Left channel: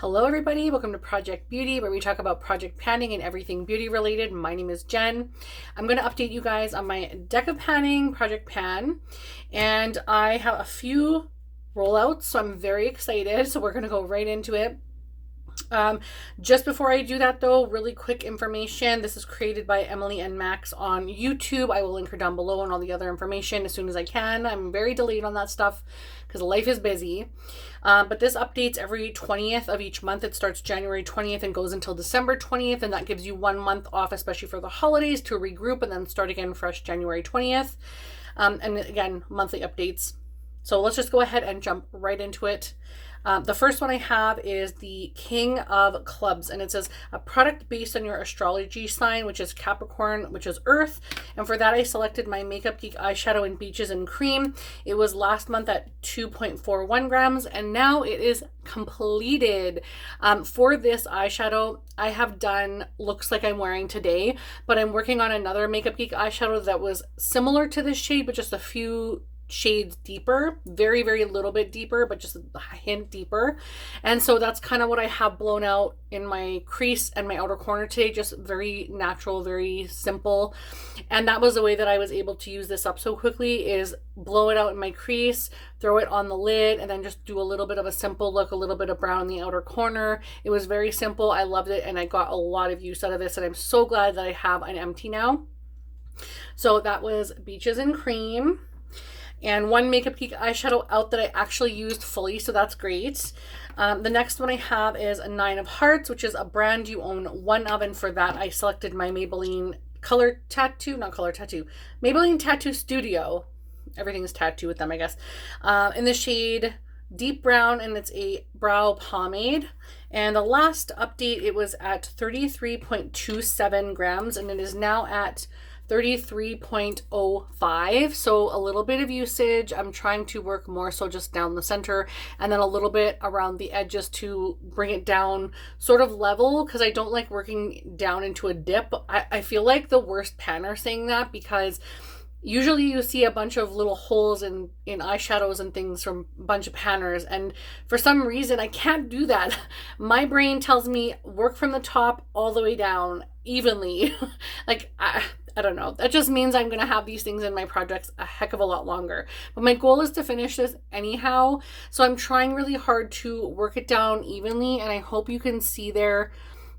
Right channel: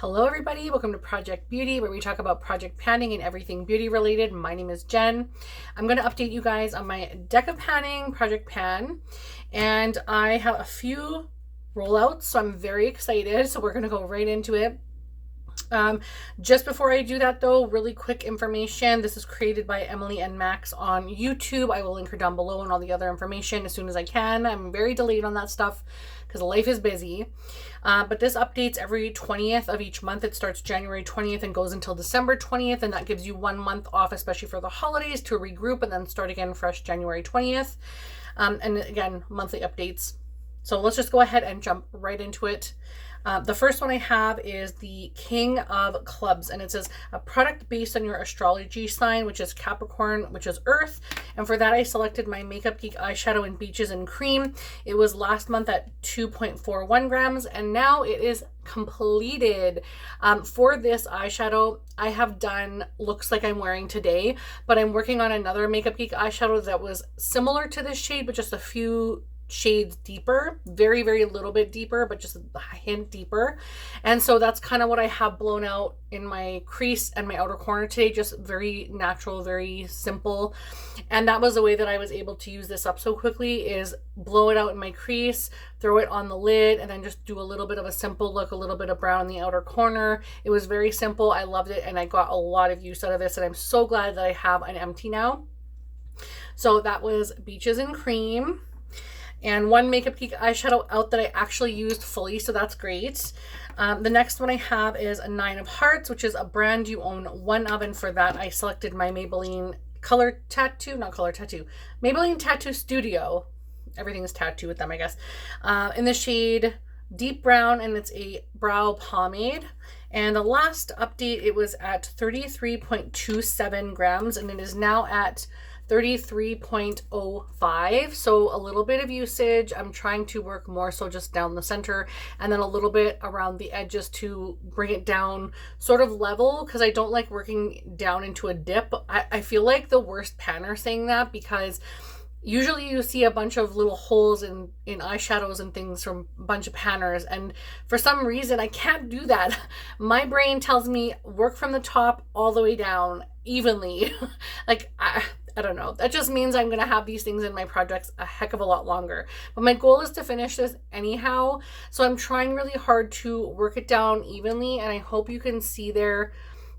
Hello everybody, welcome to Project Beauty, where we talk about project panning and everything beauty related. My name is Jen. I'm going to update you guys on my deck of panning project pan, and I have a few rollouts, so I'm very excited. So we're going to go right into it. Just before I do that though, really quick information. This is created by Emily and Max on YouTube. I will link her down below and all the other information as soon as I can. I'm very delayed on that stuff because life is busy. But this updates every 20th of each month. It starts January 20th and goes until December 20th, and that gives you 1 month off, especially for the holidays, to regroup and then start again fresh January 20th. And again, monthly updates. So let's just go ahead and jump right into it. The first one I have is the King of Clubs, and it says a product based on your astrology sign, which is Capricorn, which is Earth. And for that, I selected my Makeup Geek eyeshadow in Beaches and Cream. It was last month at 2.41 grams, and now it is completed. For this eyeshadow, I have done looks like I'm wearing today, but I'm working on another Makeup Geek eyeshadow that was similar to this shade, but just a few shades deeper, very little bit deeper, but just a hint deeper. And so that's kind of what I have blown out in my crease and my outer corner today, just very natural, very simple. And that was the way that I was able to use this up so quickly, is blow it out in my crease, throw it on the lid, and then just do a little bit of a simple look, a little bit of brown in the outer corner. It was very simple. I loved it, and I got a lot of use out of this, and I'm so glad that I have an empty now. So that was Beaches and Cream. And one Makeup Geek eyeshadow out that I actually used fully, so that's great. The next one I have is a 9 of Hearts, which is a brand you own one of, and for that I selected my Maybelline Maybelline Tattoo Studio. Everything is tattoo with them, I guess. In the shade Deep Brown, and it's a brow pomade. And the last update, it was at 33.27 grams, and it is now at 33.05, so a little bit of usage. I'm trying to work more so just down the center, and then a little bit around the edges to bring it down sort of level, because I don't like working down into a dip. I feel like the worst panner saying that, because usually you see a bunch of little holes in eyeshadows and things from a bunch of panners, and for some reason I can't do that. My brain tells me work from the top all the way down evenly. Like, I don't know. That just means I'm going to have these things in my projects a heck of a lot longer. But my goal is to finish this anyhow, so I'm trying really hard to work it down evenly, and I hope you can see there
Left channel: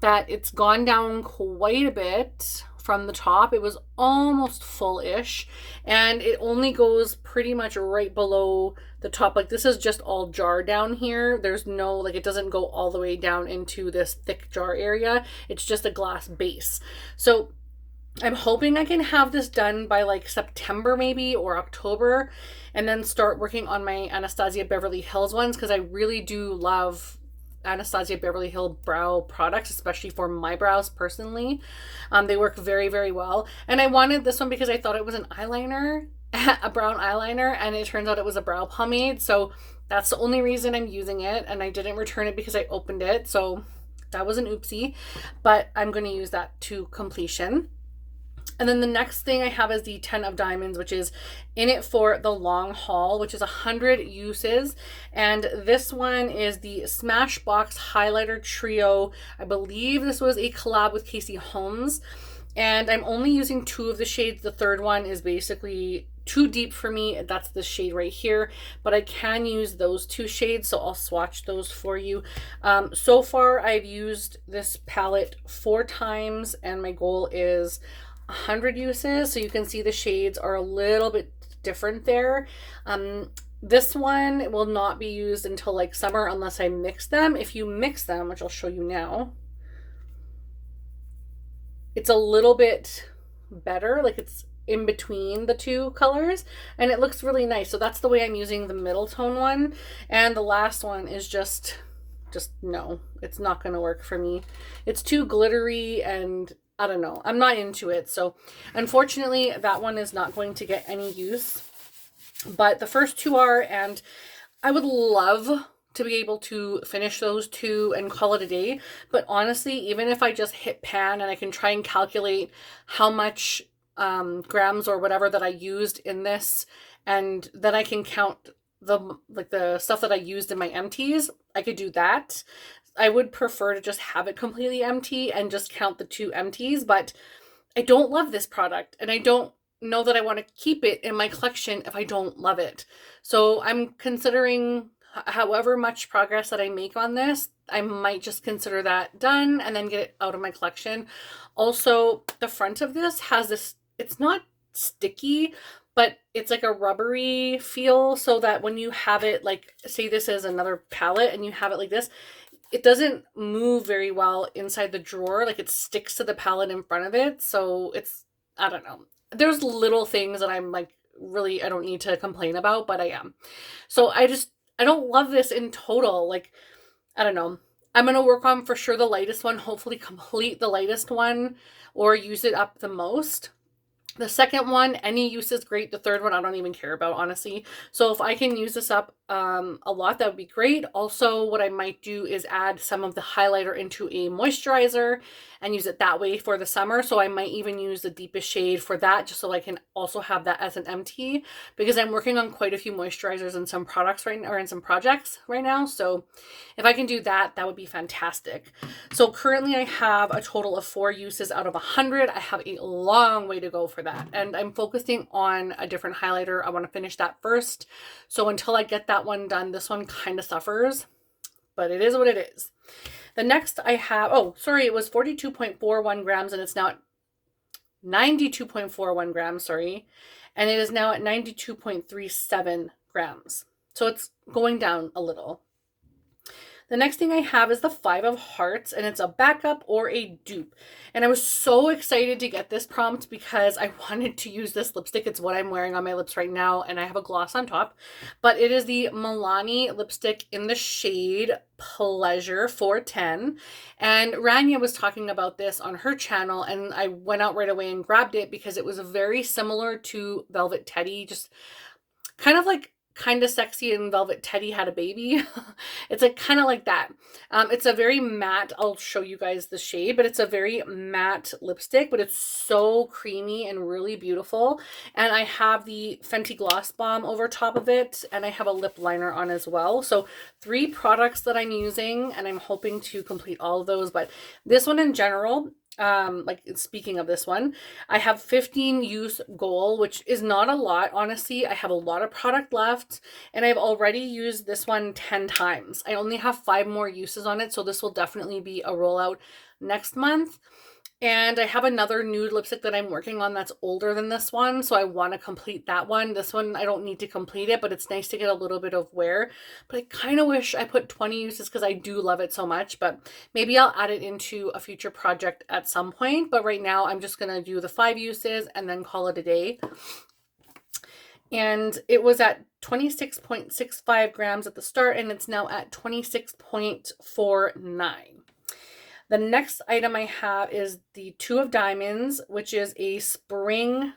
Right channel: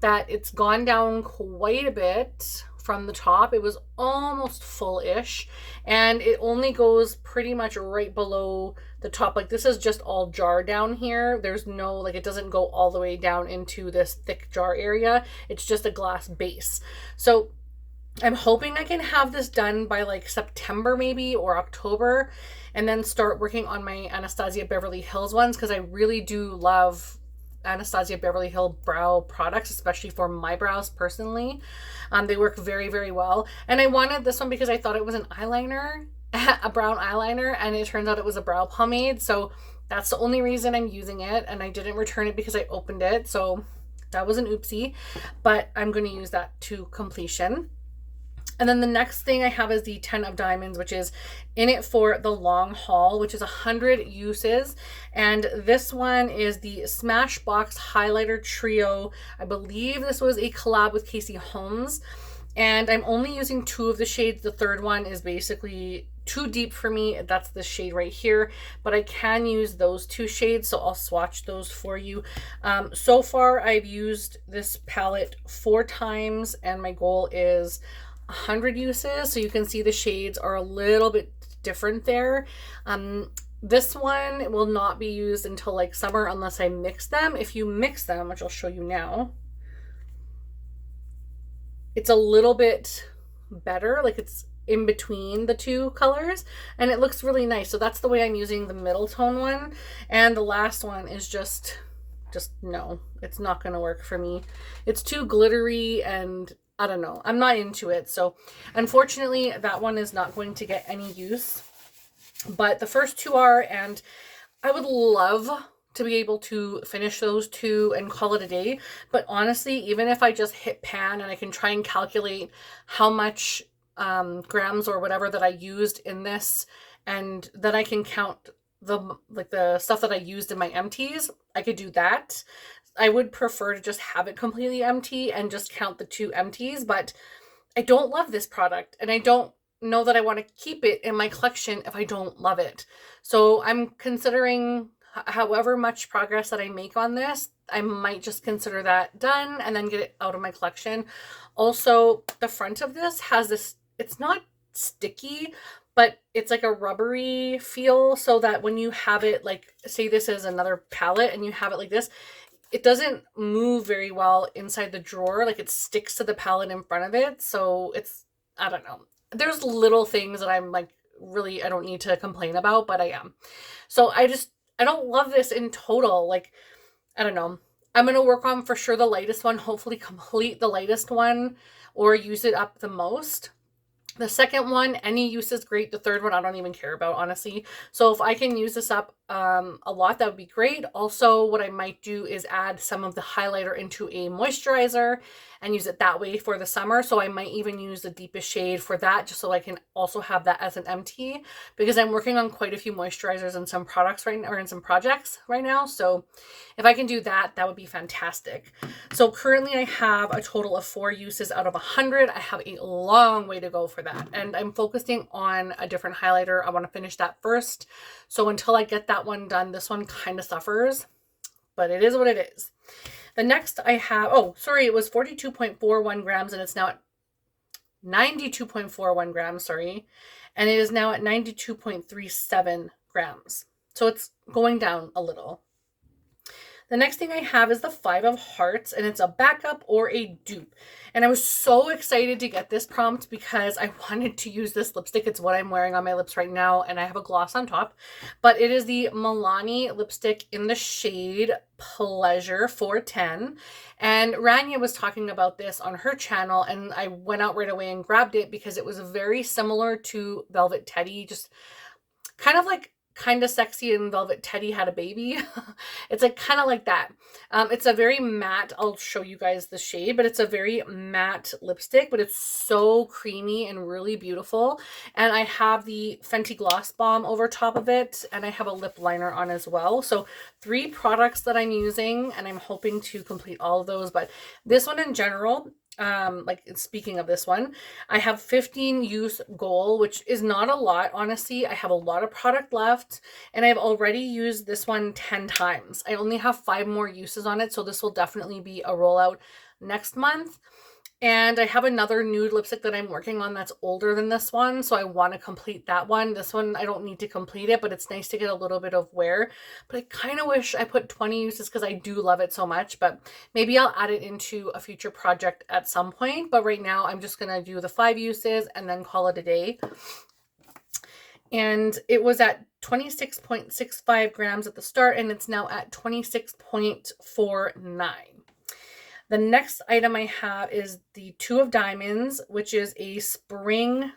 that it's gone down quite a bit from the top. It was almost full-ish, and it only goes pretty much right below the top. Like, this is just all jar down here. There's no, like, it doesn't go all the way down into this thick jar area. It's just a glass base. So I'm hoping I can have this done by like September maybe, or October, and then start working on my Anastasia Beverly Hills ones, because I really do love Anastasia Beverly Hills brow products, especially for my brows personally. They work very well, and I wanted this one because I thought it was an eyeliner, a brown eyeliner, and it turns out it was a brow pomade, so that's the only reason I'm using it, and I didn't return it because I opened it, so that was an oopsie, but I'm going to use that to completion. And then the next thing I have is the 10 of Diamonds, which is in it for the long haul, which is 100 uses. And this one is the Smashbox Highlighter Trio. I believe this was a collab with Casey Holmes. And I'm only using 2 of the shades. The third one is basically too deep for me. That's the shade right here. But I can use those 2 shades, so I'll swatch those for you. So far, I've used this palette 4 times, and my goal is 100 uses, so you can see the shades are a little bit different there. This one will not be used until like summer unless I mix them. If you mix them, which I'll show you now, it's a little bit better, like it's in between the 2 colors, and it looks really nice. So that's the way I'm using the middle tone one, and the last one is just no, it's not gonna work for me. It's too glittery, and I don't know, I'm not into it. So unfortunately that one is not going to get any use, but the first 2 are, and I would love to be able to finish those 2 and call it a day. But honestly, even if I just hit pan and I can try and calculate how much grams or whatever that I used in this, and then I can count the stuff that I used in my empties, I could do that. I would prefer to just have it completely empty and just count the 2 empties, but I don't love this product and I don't know that I want to keep it in my collection if I don't love it. So I'm considering however much progress that I make on this, I might just consider that done and then get it out of my collection. Also, the front of this has this, it's not sticky, but it's like a rubbery feel, so that when you have it, like say this is another palette and you have it like this, it doesn't move very well inside the drawer. Like it sticks to the palette in front of it. So it's, I don't know. There's little things that I'm like, really, I don't need to complain about, but I am. So I don't love this in total. Like, I don't know. I'm going to work on for sure the lightest one, hopefully complete the lightest one or use it up the most. The second one, any use is great. The third one, I don't even care about, honestly. So if I can use this up a lot, that would be great. Also, what I might do is add some of the highlighter into a moisturizer and use it that way for the summer. So I might even use the deepest shade for that, just so I can also have that as an empty, because I'm working on quite a few moisturizers and some products right now, or in some projects right now. So if I can do that, that would be fantastic. So currently I have a total of 4 uses out of 100. I have a long way to go for that. And I'm focusing on a different highlighter. I want to finish that first. So until I get that one done, this one kind of suffers, but it is what it is. The next I have, oh, sorry, it was 42.41 grams and it's now at 92.41 grams, sorry. And it is now at 92.37 grams. So it's going down a little. The next thing I have is the 5 of Hearts, and it's a backup or a dupe. And I was so excited to get this prompt because I wanted to use this lipstick. It's what I'm wearing on my lips right now, and I have a gloss on top. But it is the Milani lipstick in the shade Pleasure 410. And Rania was talking about this on her channel, and I went out right away and grabbed it because it was very similar to Velvet Teddy, just kind of like Kind of Sexy and Velvet Teddy had a baby. It's like kind of like that. It's a very matte, I'll show you guys the shade, but it's a very matte lipstick, but it's so creamy and really beautiful. And I have the Fenty Gloss Bomb over top of it, and I have a lip liner on as well. So 3 products that I'm using, and I'm hoping to complete all of those. But this one in general, like speaking of this one, I have 15 use goal, which is not a lot, honestly. I have a lot of product left, and I've already used this one 10 times. I only have 5 more uses on it, so this will definitely be a rollout next month. And I have another nude lipstick that I'm working on that's older than this one, so I want to complete that one. This one, I don't need to complete it, but it's nice to get a little bit of wear. But I kind of wish I put 20 uses because I do love it so much, but maybe I'll add it into a future project at some point. But right now, I'm just going to do the 5 uses and then call it a day. And it was at 26.65 grams at the start, and it's now at 26.49. The next item I have is the 2 of Diamonds, which is a spring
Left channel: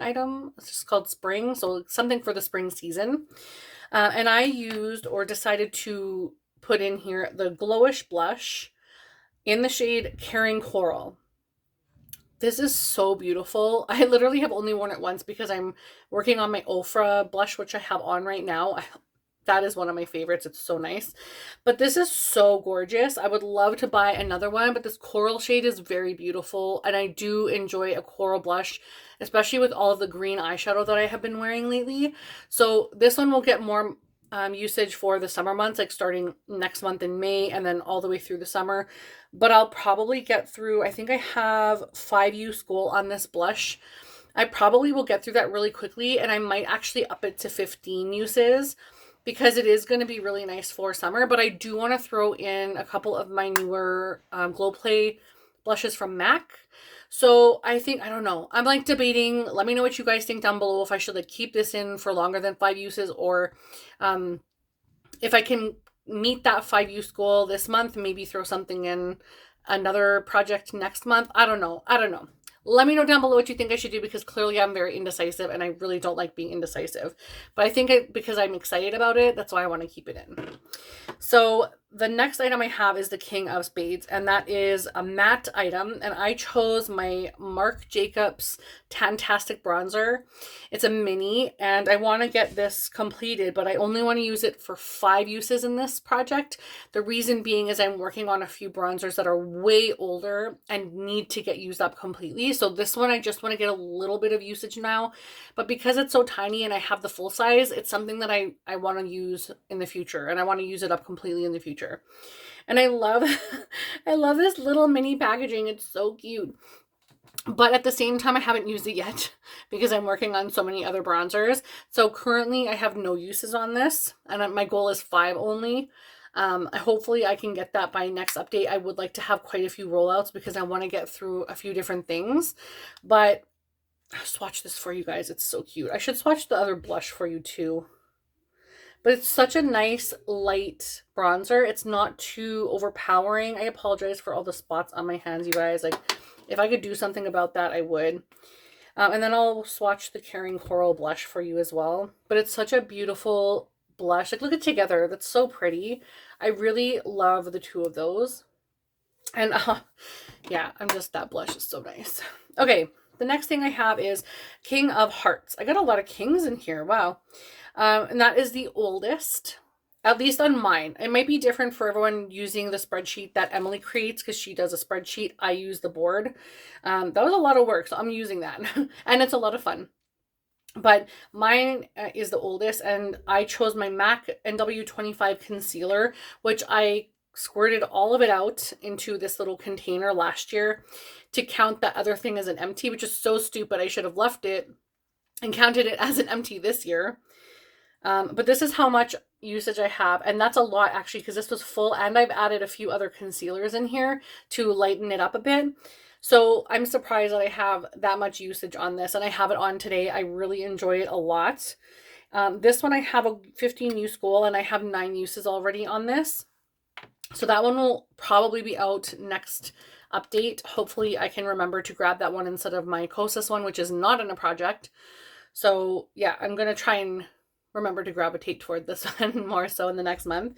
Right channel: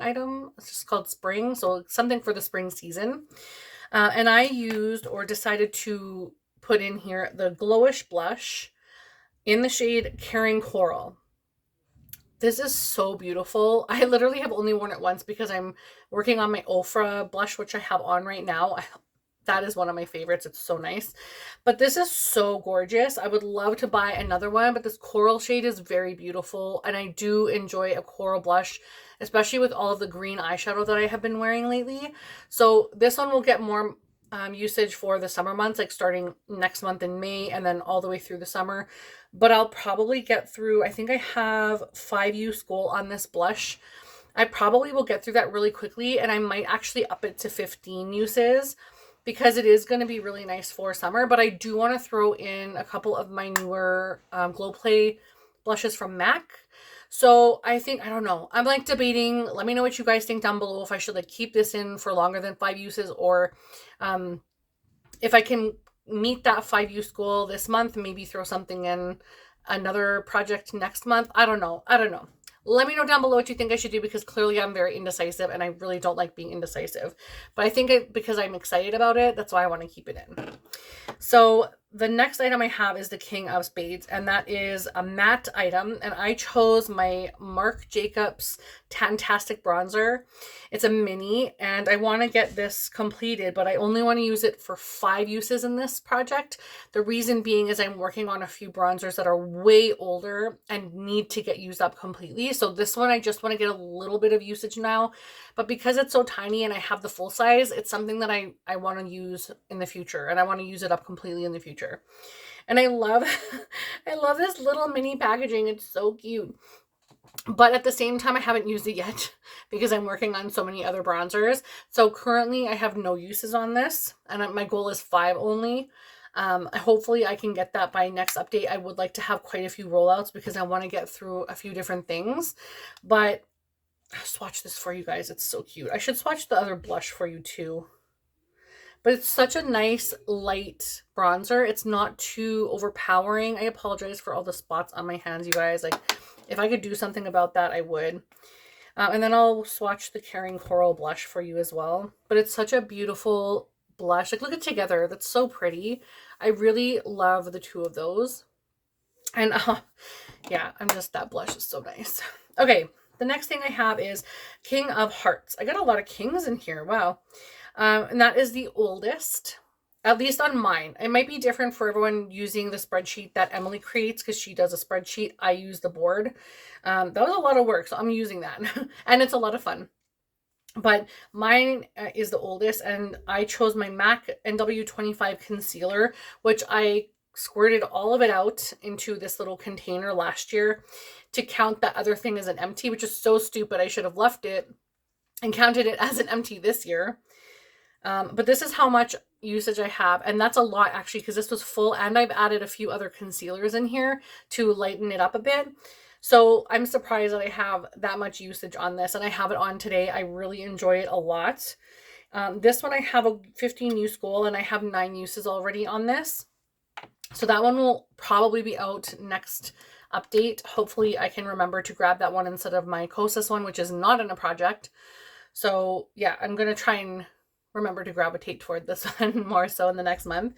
item. It's just called Spring, so something for the spring season. And I used or decided to put in here the Glowish blush in the shade Caring Coral. This is so beautiful. I literally have only worn it once because I'm working on my Ofra blush, which I have on right now. That is one of my favorites. It's so nice. But this is so gorgeous. I would love to buy another one, but this coral shade is very beautiful. And I do enjoy a coral blush, especially with all of the green eyeshadow that I have been wearing lately. So this one will get more usage for the summer months, like starting next month in May and then all the way through the summer. But I'll probably get through, I think I have 5 use goal on this blush. I probably will get through that really quickly, and I might actually up it to 15 uses, because it is going to be really nice for summer. But I do want to throw in a couple of my newer Glow Play blushes from MAC. So I think, I don't know, I'm like debating. Let me know what you guys think down below, if I should like keep this in for longer than 5 uses, or if I can meet that 5 use goal this month, maybe throw something in another project next month. I don't know. Let me know down below what you think I should do, because clearly I'm very indecisive and I really don't like being indecisive. But I think because I'm excited about it, that's why I want to keep it in. So the next item I have is the King of Spades, and that is a matte item, and I chose my Marc Jacobs Tantastic Bronzer. It's a mini, and I want to get this completed, but I only want to use it for 5 uses in this project. The reason being is I'm working on a few bronzers that are way older and need to get used up completely. So this one, I just want to get a little bit of usage now, but because it's so tiny and I have the full size, it's something that I want to use in the future, and I want to use it up completely in the future. And I love, I love this little mini packaging. It's so cute. But at the same time, I haven't used it yet because I'm working on so many other bronzers. So currently I have no uses on this, and my goal is 5 only. Hopefully I can get that by next update. I would like to have quite a few rollouts because I want to get through a few different things. But I'll swatch this for you guys. It's so cute. I should swatch the other blush for you too. But it's such a nice light bronzer. It's not too overpowering. I apologize for all the spots on my hands, you guys. Like, if I could do something about that, I would. And then I'll swatch the Caring Coral blush for you as well. But it's such a beautiful blush. Like, look at Together. That's so pretty. I really love the 2 of those. And yeah, that blush is so nice. Okay, the next thing I have is King of Hearts. I got a lot of kings in here. Wow. And that is the oldest, at least on mine. It might be different for everyone using the spreadsheet that Emily creates because she does a spreadsheet. I use the board. That was a lot of work, so I'm using that. And it's a lot of fun. But mine is the oldest, and I chose my MAC NW25 concealer, which I squirted all of it out into this little container last year to count that other thing as an empty, which is so stupid. I should have left it and counted it as an empty this year. But this is how much usage I have, and that's a lot actually because this was full, and I've added a few other concealers in here to lighten it up a bit. So I'm surprised that I have that much usage on this, and I have it on today. I really enjoy it a lot. This one I have a 15 use goal, and I have 9 uses already on this. So that one will probably be out next update. Hopefully I can remember to grab that one instead of my Kosas one, which is not in a project. So yeah, I'm going to try and remember to gravitate toward this one more so in the next month.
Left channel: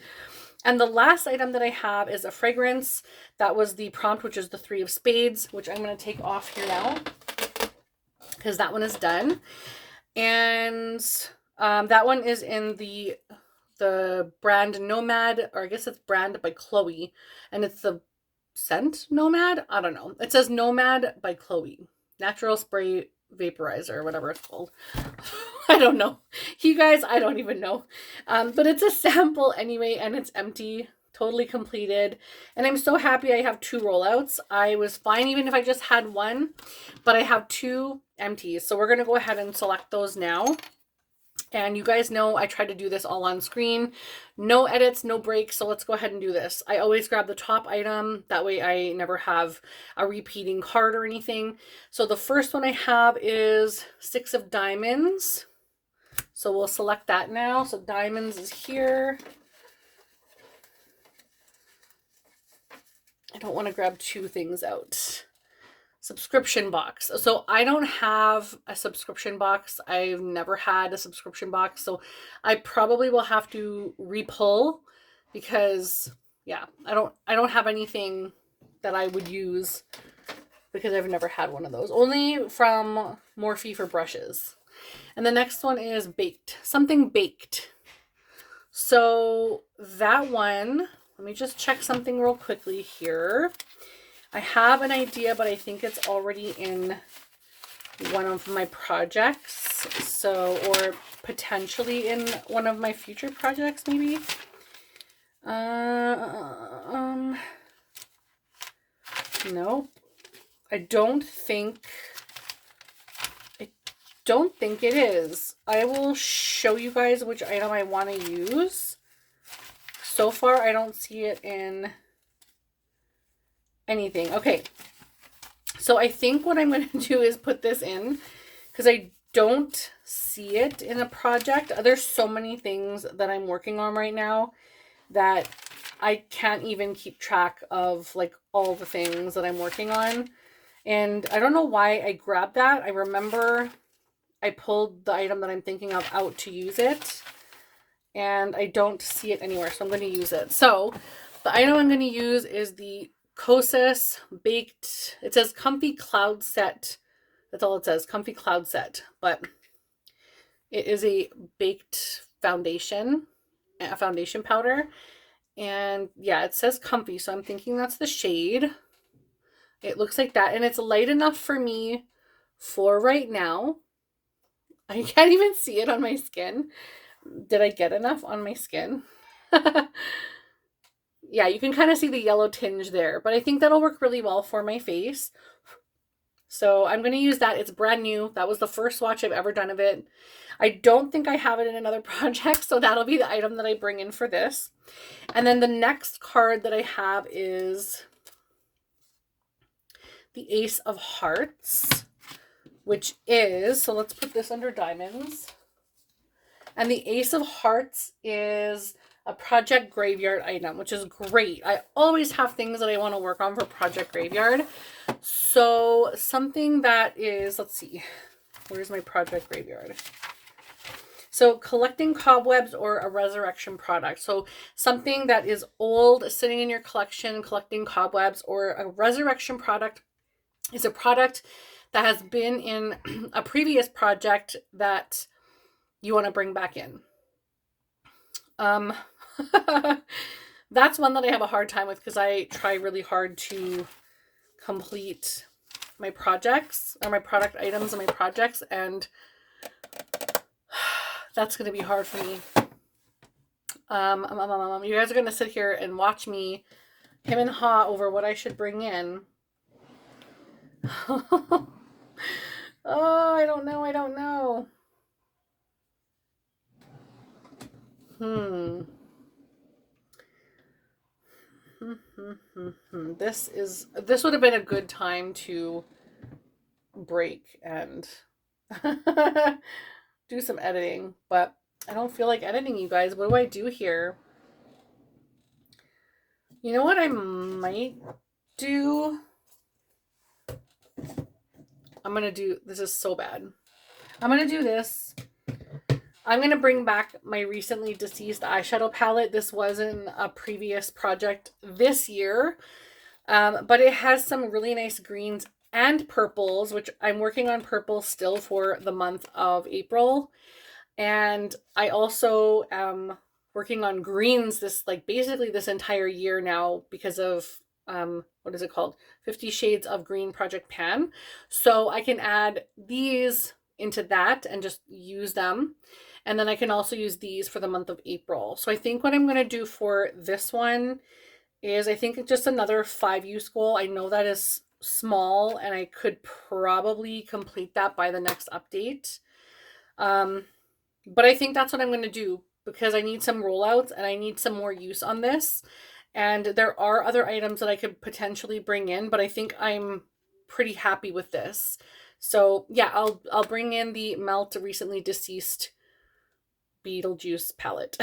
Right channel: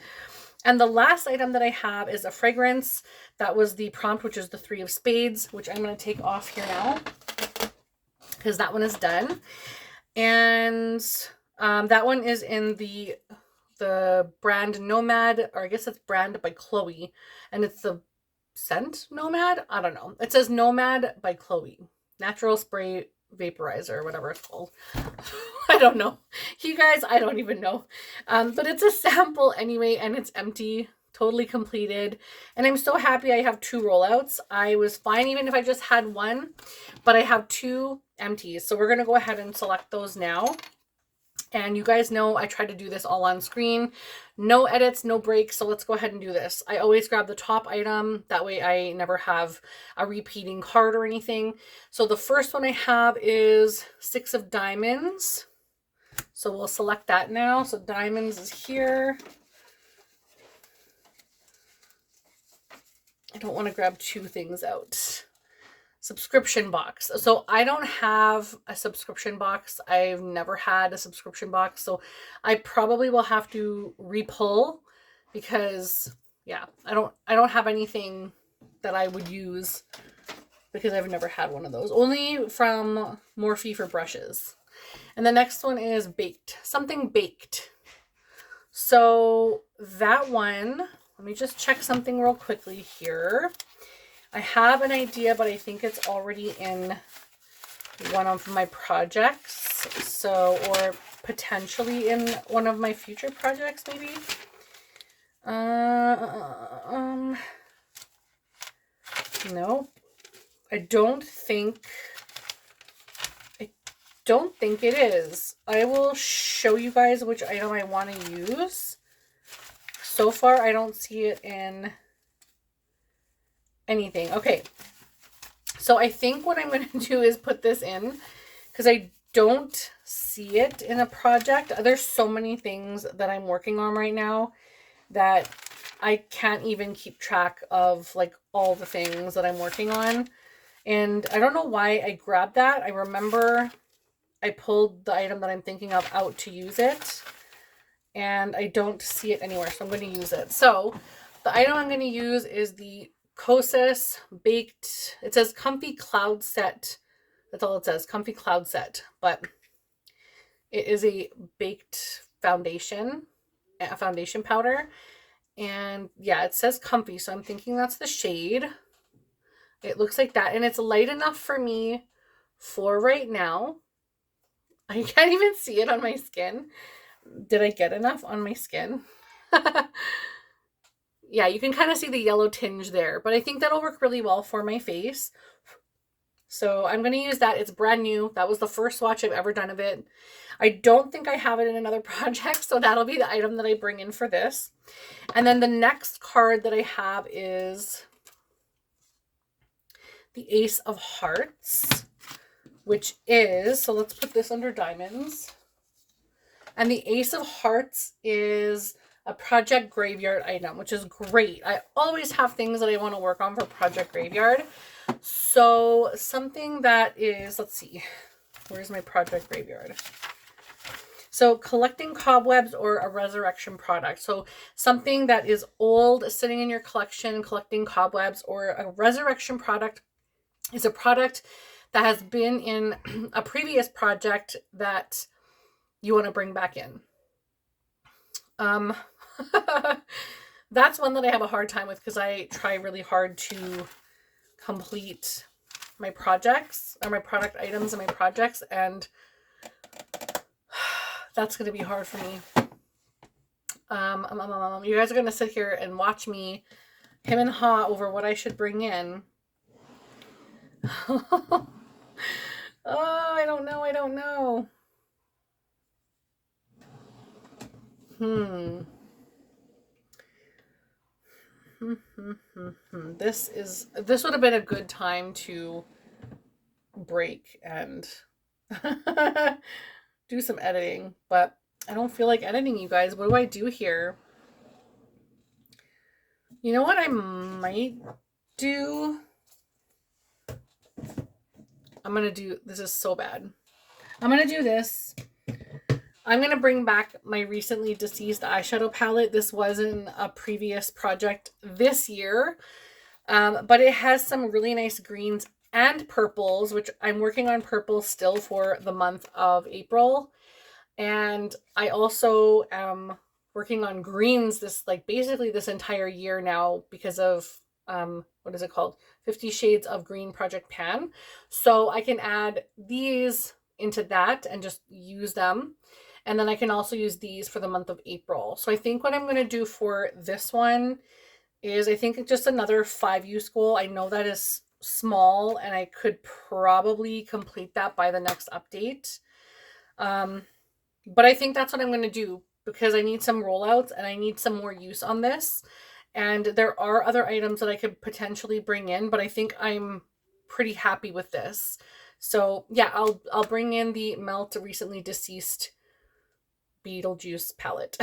And the last item that I have is a fragrance. That was the prompt, which is the 3 of Spades, which I'm going to take off here now because that one is done. And that one is in the brand Nomad, or I guess it's brand by Chloe, and it's the scent Nomad. I don't know. It says Nomad by Chloe, natural spray vaporizer, or whatever it's called. I don't know, you guys. I don't even know. But it's a sample anyway, and it's empty, totally completed. And I'm so happy I have 2 rollouts. I was fine even if I just had 1, but I have 2 empties. So we're gonna go ahead and select those now. And you guys know I try to do this all on screen. No edits, no breaks. So let's go ahead and do this. I always grab the top item. That way I never have a repeating card or anything. So the first one I have is 6 of Diamonds. So we'll select that now. So Diamonds is here. I don't want to grab 2 things out. Subscription box. So I don't have a subscription box. I've never had a subscription box. So I probably will have to repull because yeah, I don't have anything that I would use because I've never had one of those. Only from Morphe for brushes. And the next one is baked. Something baked. So that one, let me just check something real quickly here. I have an idea, but I think it's already in one of my projects. So, or potentially in one of my future projects, maybe. No, I don't think it is. I will show you guys which item I want to use. So far, I don't see it in anything. Okay, so I think what I'm going to do is put this in because I don't see it in a project. There's so many things that I'm working on right now that I can't even keep track of, like, all the things that I'm working on. And I don't know why I grabbed that. I remember I pulled the item that I'm thinking of out to use it, and I don't see it anywhere, so I'm going to use it. So The item I'm going to use is the Kosas Baked, it says Comfy Cloud Set. That's all it says, Comfy Cloud Set. But it is a baked foundation, a foundation powder. And yeah, it says comfy, so I'm thinking that's the shade. It looks like that, and it's light enough for me for right now. I can't even see it on my skin. Did I get enough on my skin? Yeah, you can kind of see the yellow tinge there, but I think that'll work really well for my face. So I'm going to use that. It's brand new. That was the first swatch I've ever done of it. I don't think I have it in another project, so that'll be the item that I bring in for this. And then the next card that I have is the Ace of Hearts, which is, so let's put this under diamonds. And the Ace of Hearts is a Project Graveyard item, which is great. I always have things that I want to work on for Project Graveyard. So something that is, let's see, where's my Project Graveyard? So collecting cobwebs or a resurrection product. So something that is old, sitting in your collection, collecting cobwebs, or a resurrection product is a product that has been in a previous project that you want to bring back in. That's one that I have a hard time with because I try really hard to complete my projects or my product items and my projects, and that's going to be hard for me. You guys are going to sit here and watch me hem and haw over what I should bring in. Oh, I don't know. This would have been a good time to break and do some editing, but I don't feel like editing, you guys. What do I do here? You know what I might do? This is so bad. I'm going to do this. I'm going to bring back my recently deceased eyeshadow palette. This wasn't a previous project this year, but it has some really nice greens and purples, which I'm working on purple still for the month of April. And I also am working on greens basically this entire year now because of, what is it called? 50 Shades of Green Project Pan. So I can add these into that and just use them. And then I can also use these for the month of April. So I think what I'm going to do for this one is I think just another 5-use goal. I know that is small and I could probably complete that by the next update. But I think that's what I'm going to do because I need some rollouts and I need some more use on this. And there are other items that I could potentially bring in, but I think I'm pretty happy with this. So yeah, I'll bring in the Melt Recently Deceased Beetlejuice palette.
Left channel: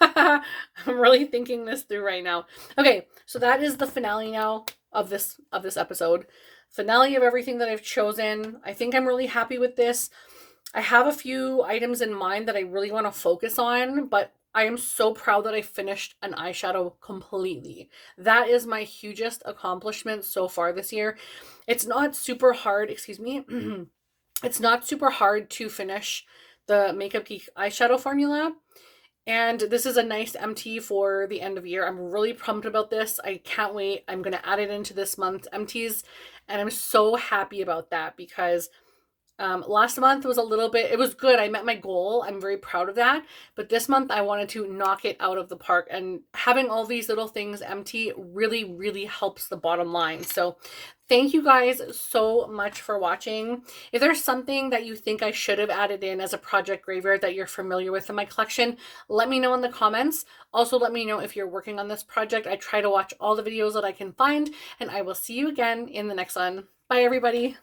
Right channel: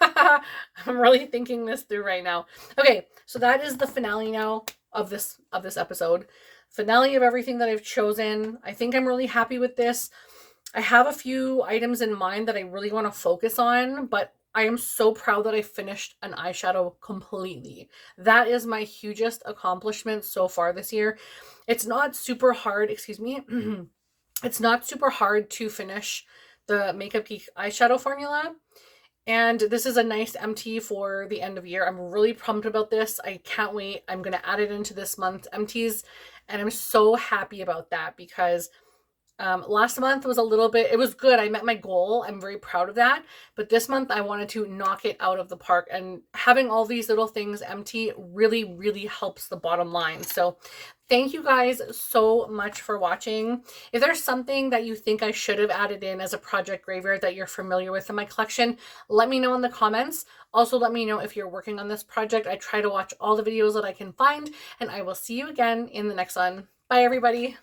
I'm really thinking this through right now. Okay, so that is the finale now of this episode. Finale of everything that I've chosen. I think I'm really happy with this. I have a few items in mind that I really want to focus on, but I am so proud that I finished an eyeshadow completely. That is my hugest accomplishment so far this year. It's not super hard, excuse me. It's not super hard to finish the Makeup Geek eyeshadow formula. And this is a nice empty for the end of year. I'm really pumped about this. I can't wait. I'm going to add it into this month's empties. And I'm so happy about that because last month was it was good. I met my goal. I'm very proud of that. But this month I wanted to knock it out of the park, and having all these little things empty really, really helps the bottom line. So thank you guys so much for watching. If there's something that you think I should have added in as a Project Graveyard that you're familiar with in my collection, let me know in the comments. Also, let me know if you're working on this project. I try to watch all the videos that I can find, and I will see you again in the next one. Bye, everybody.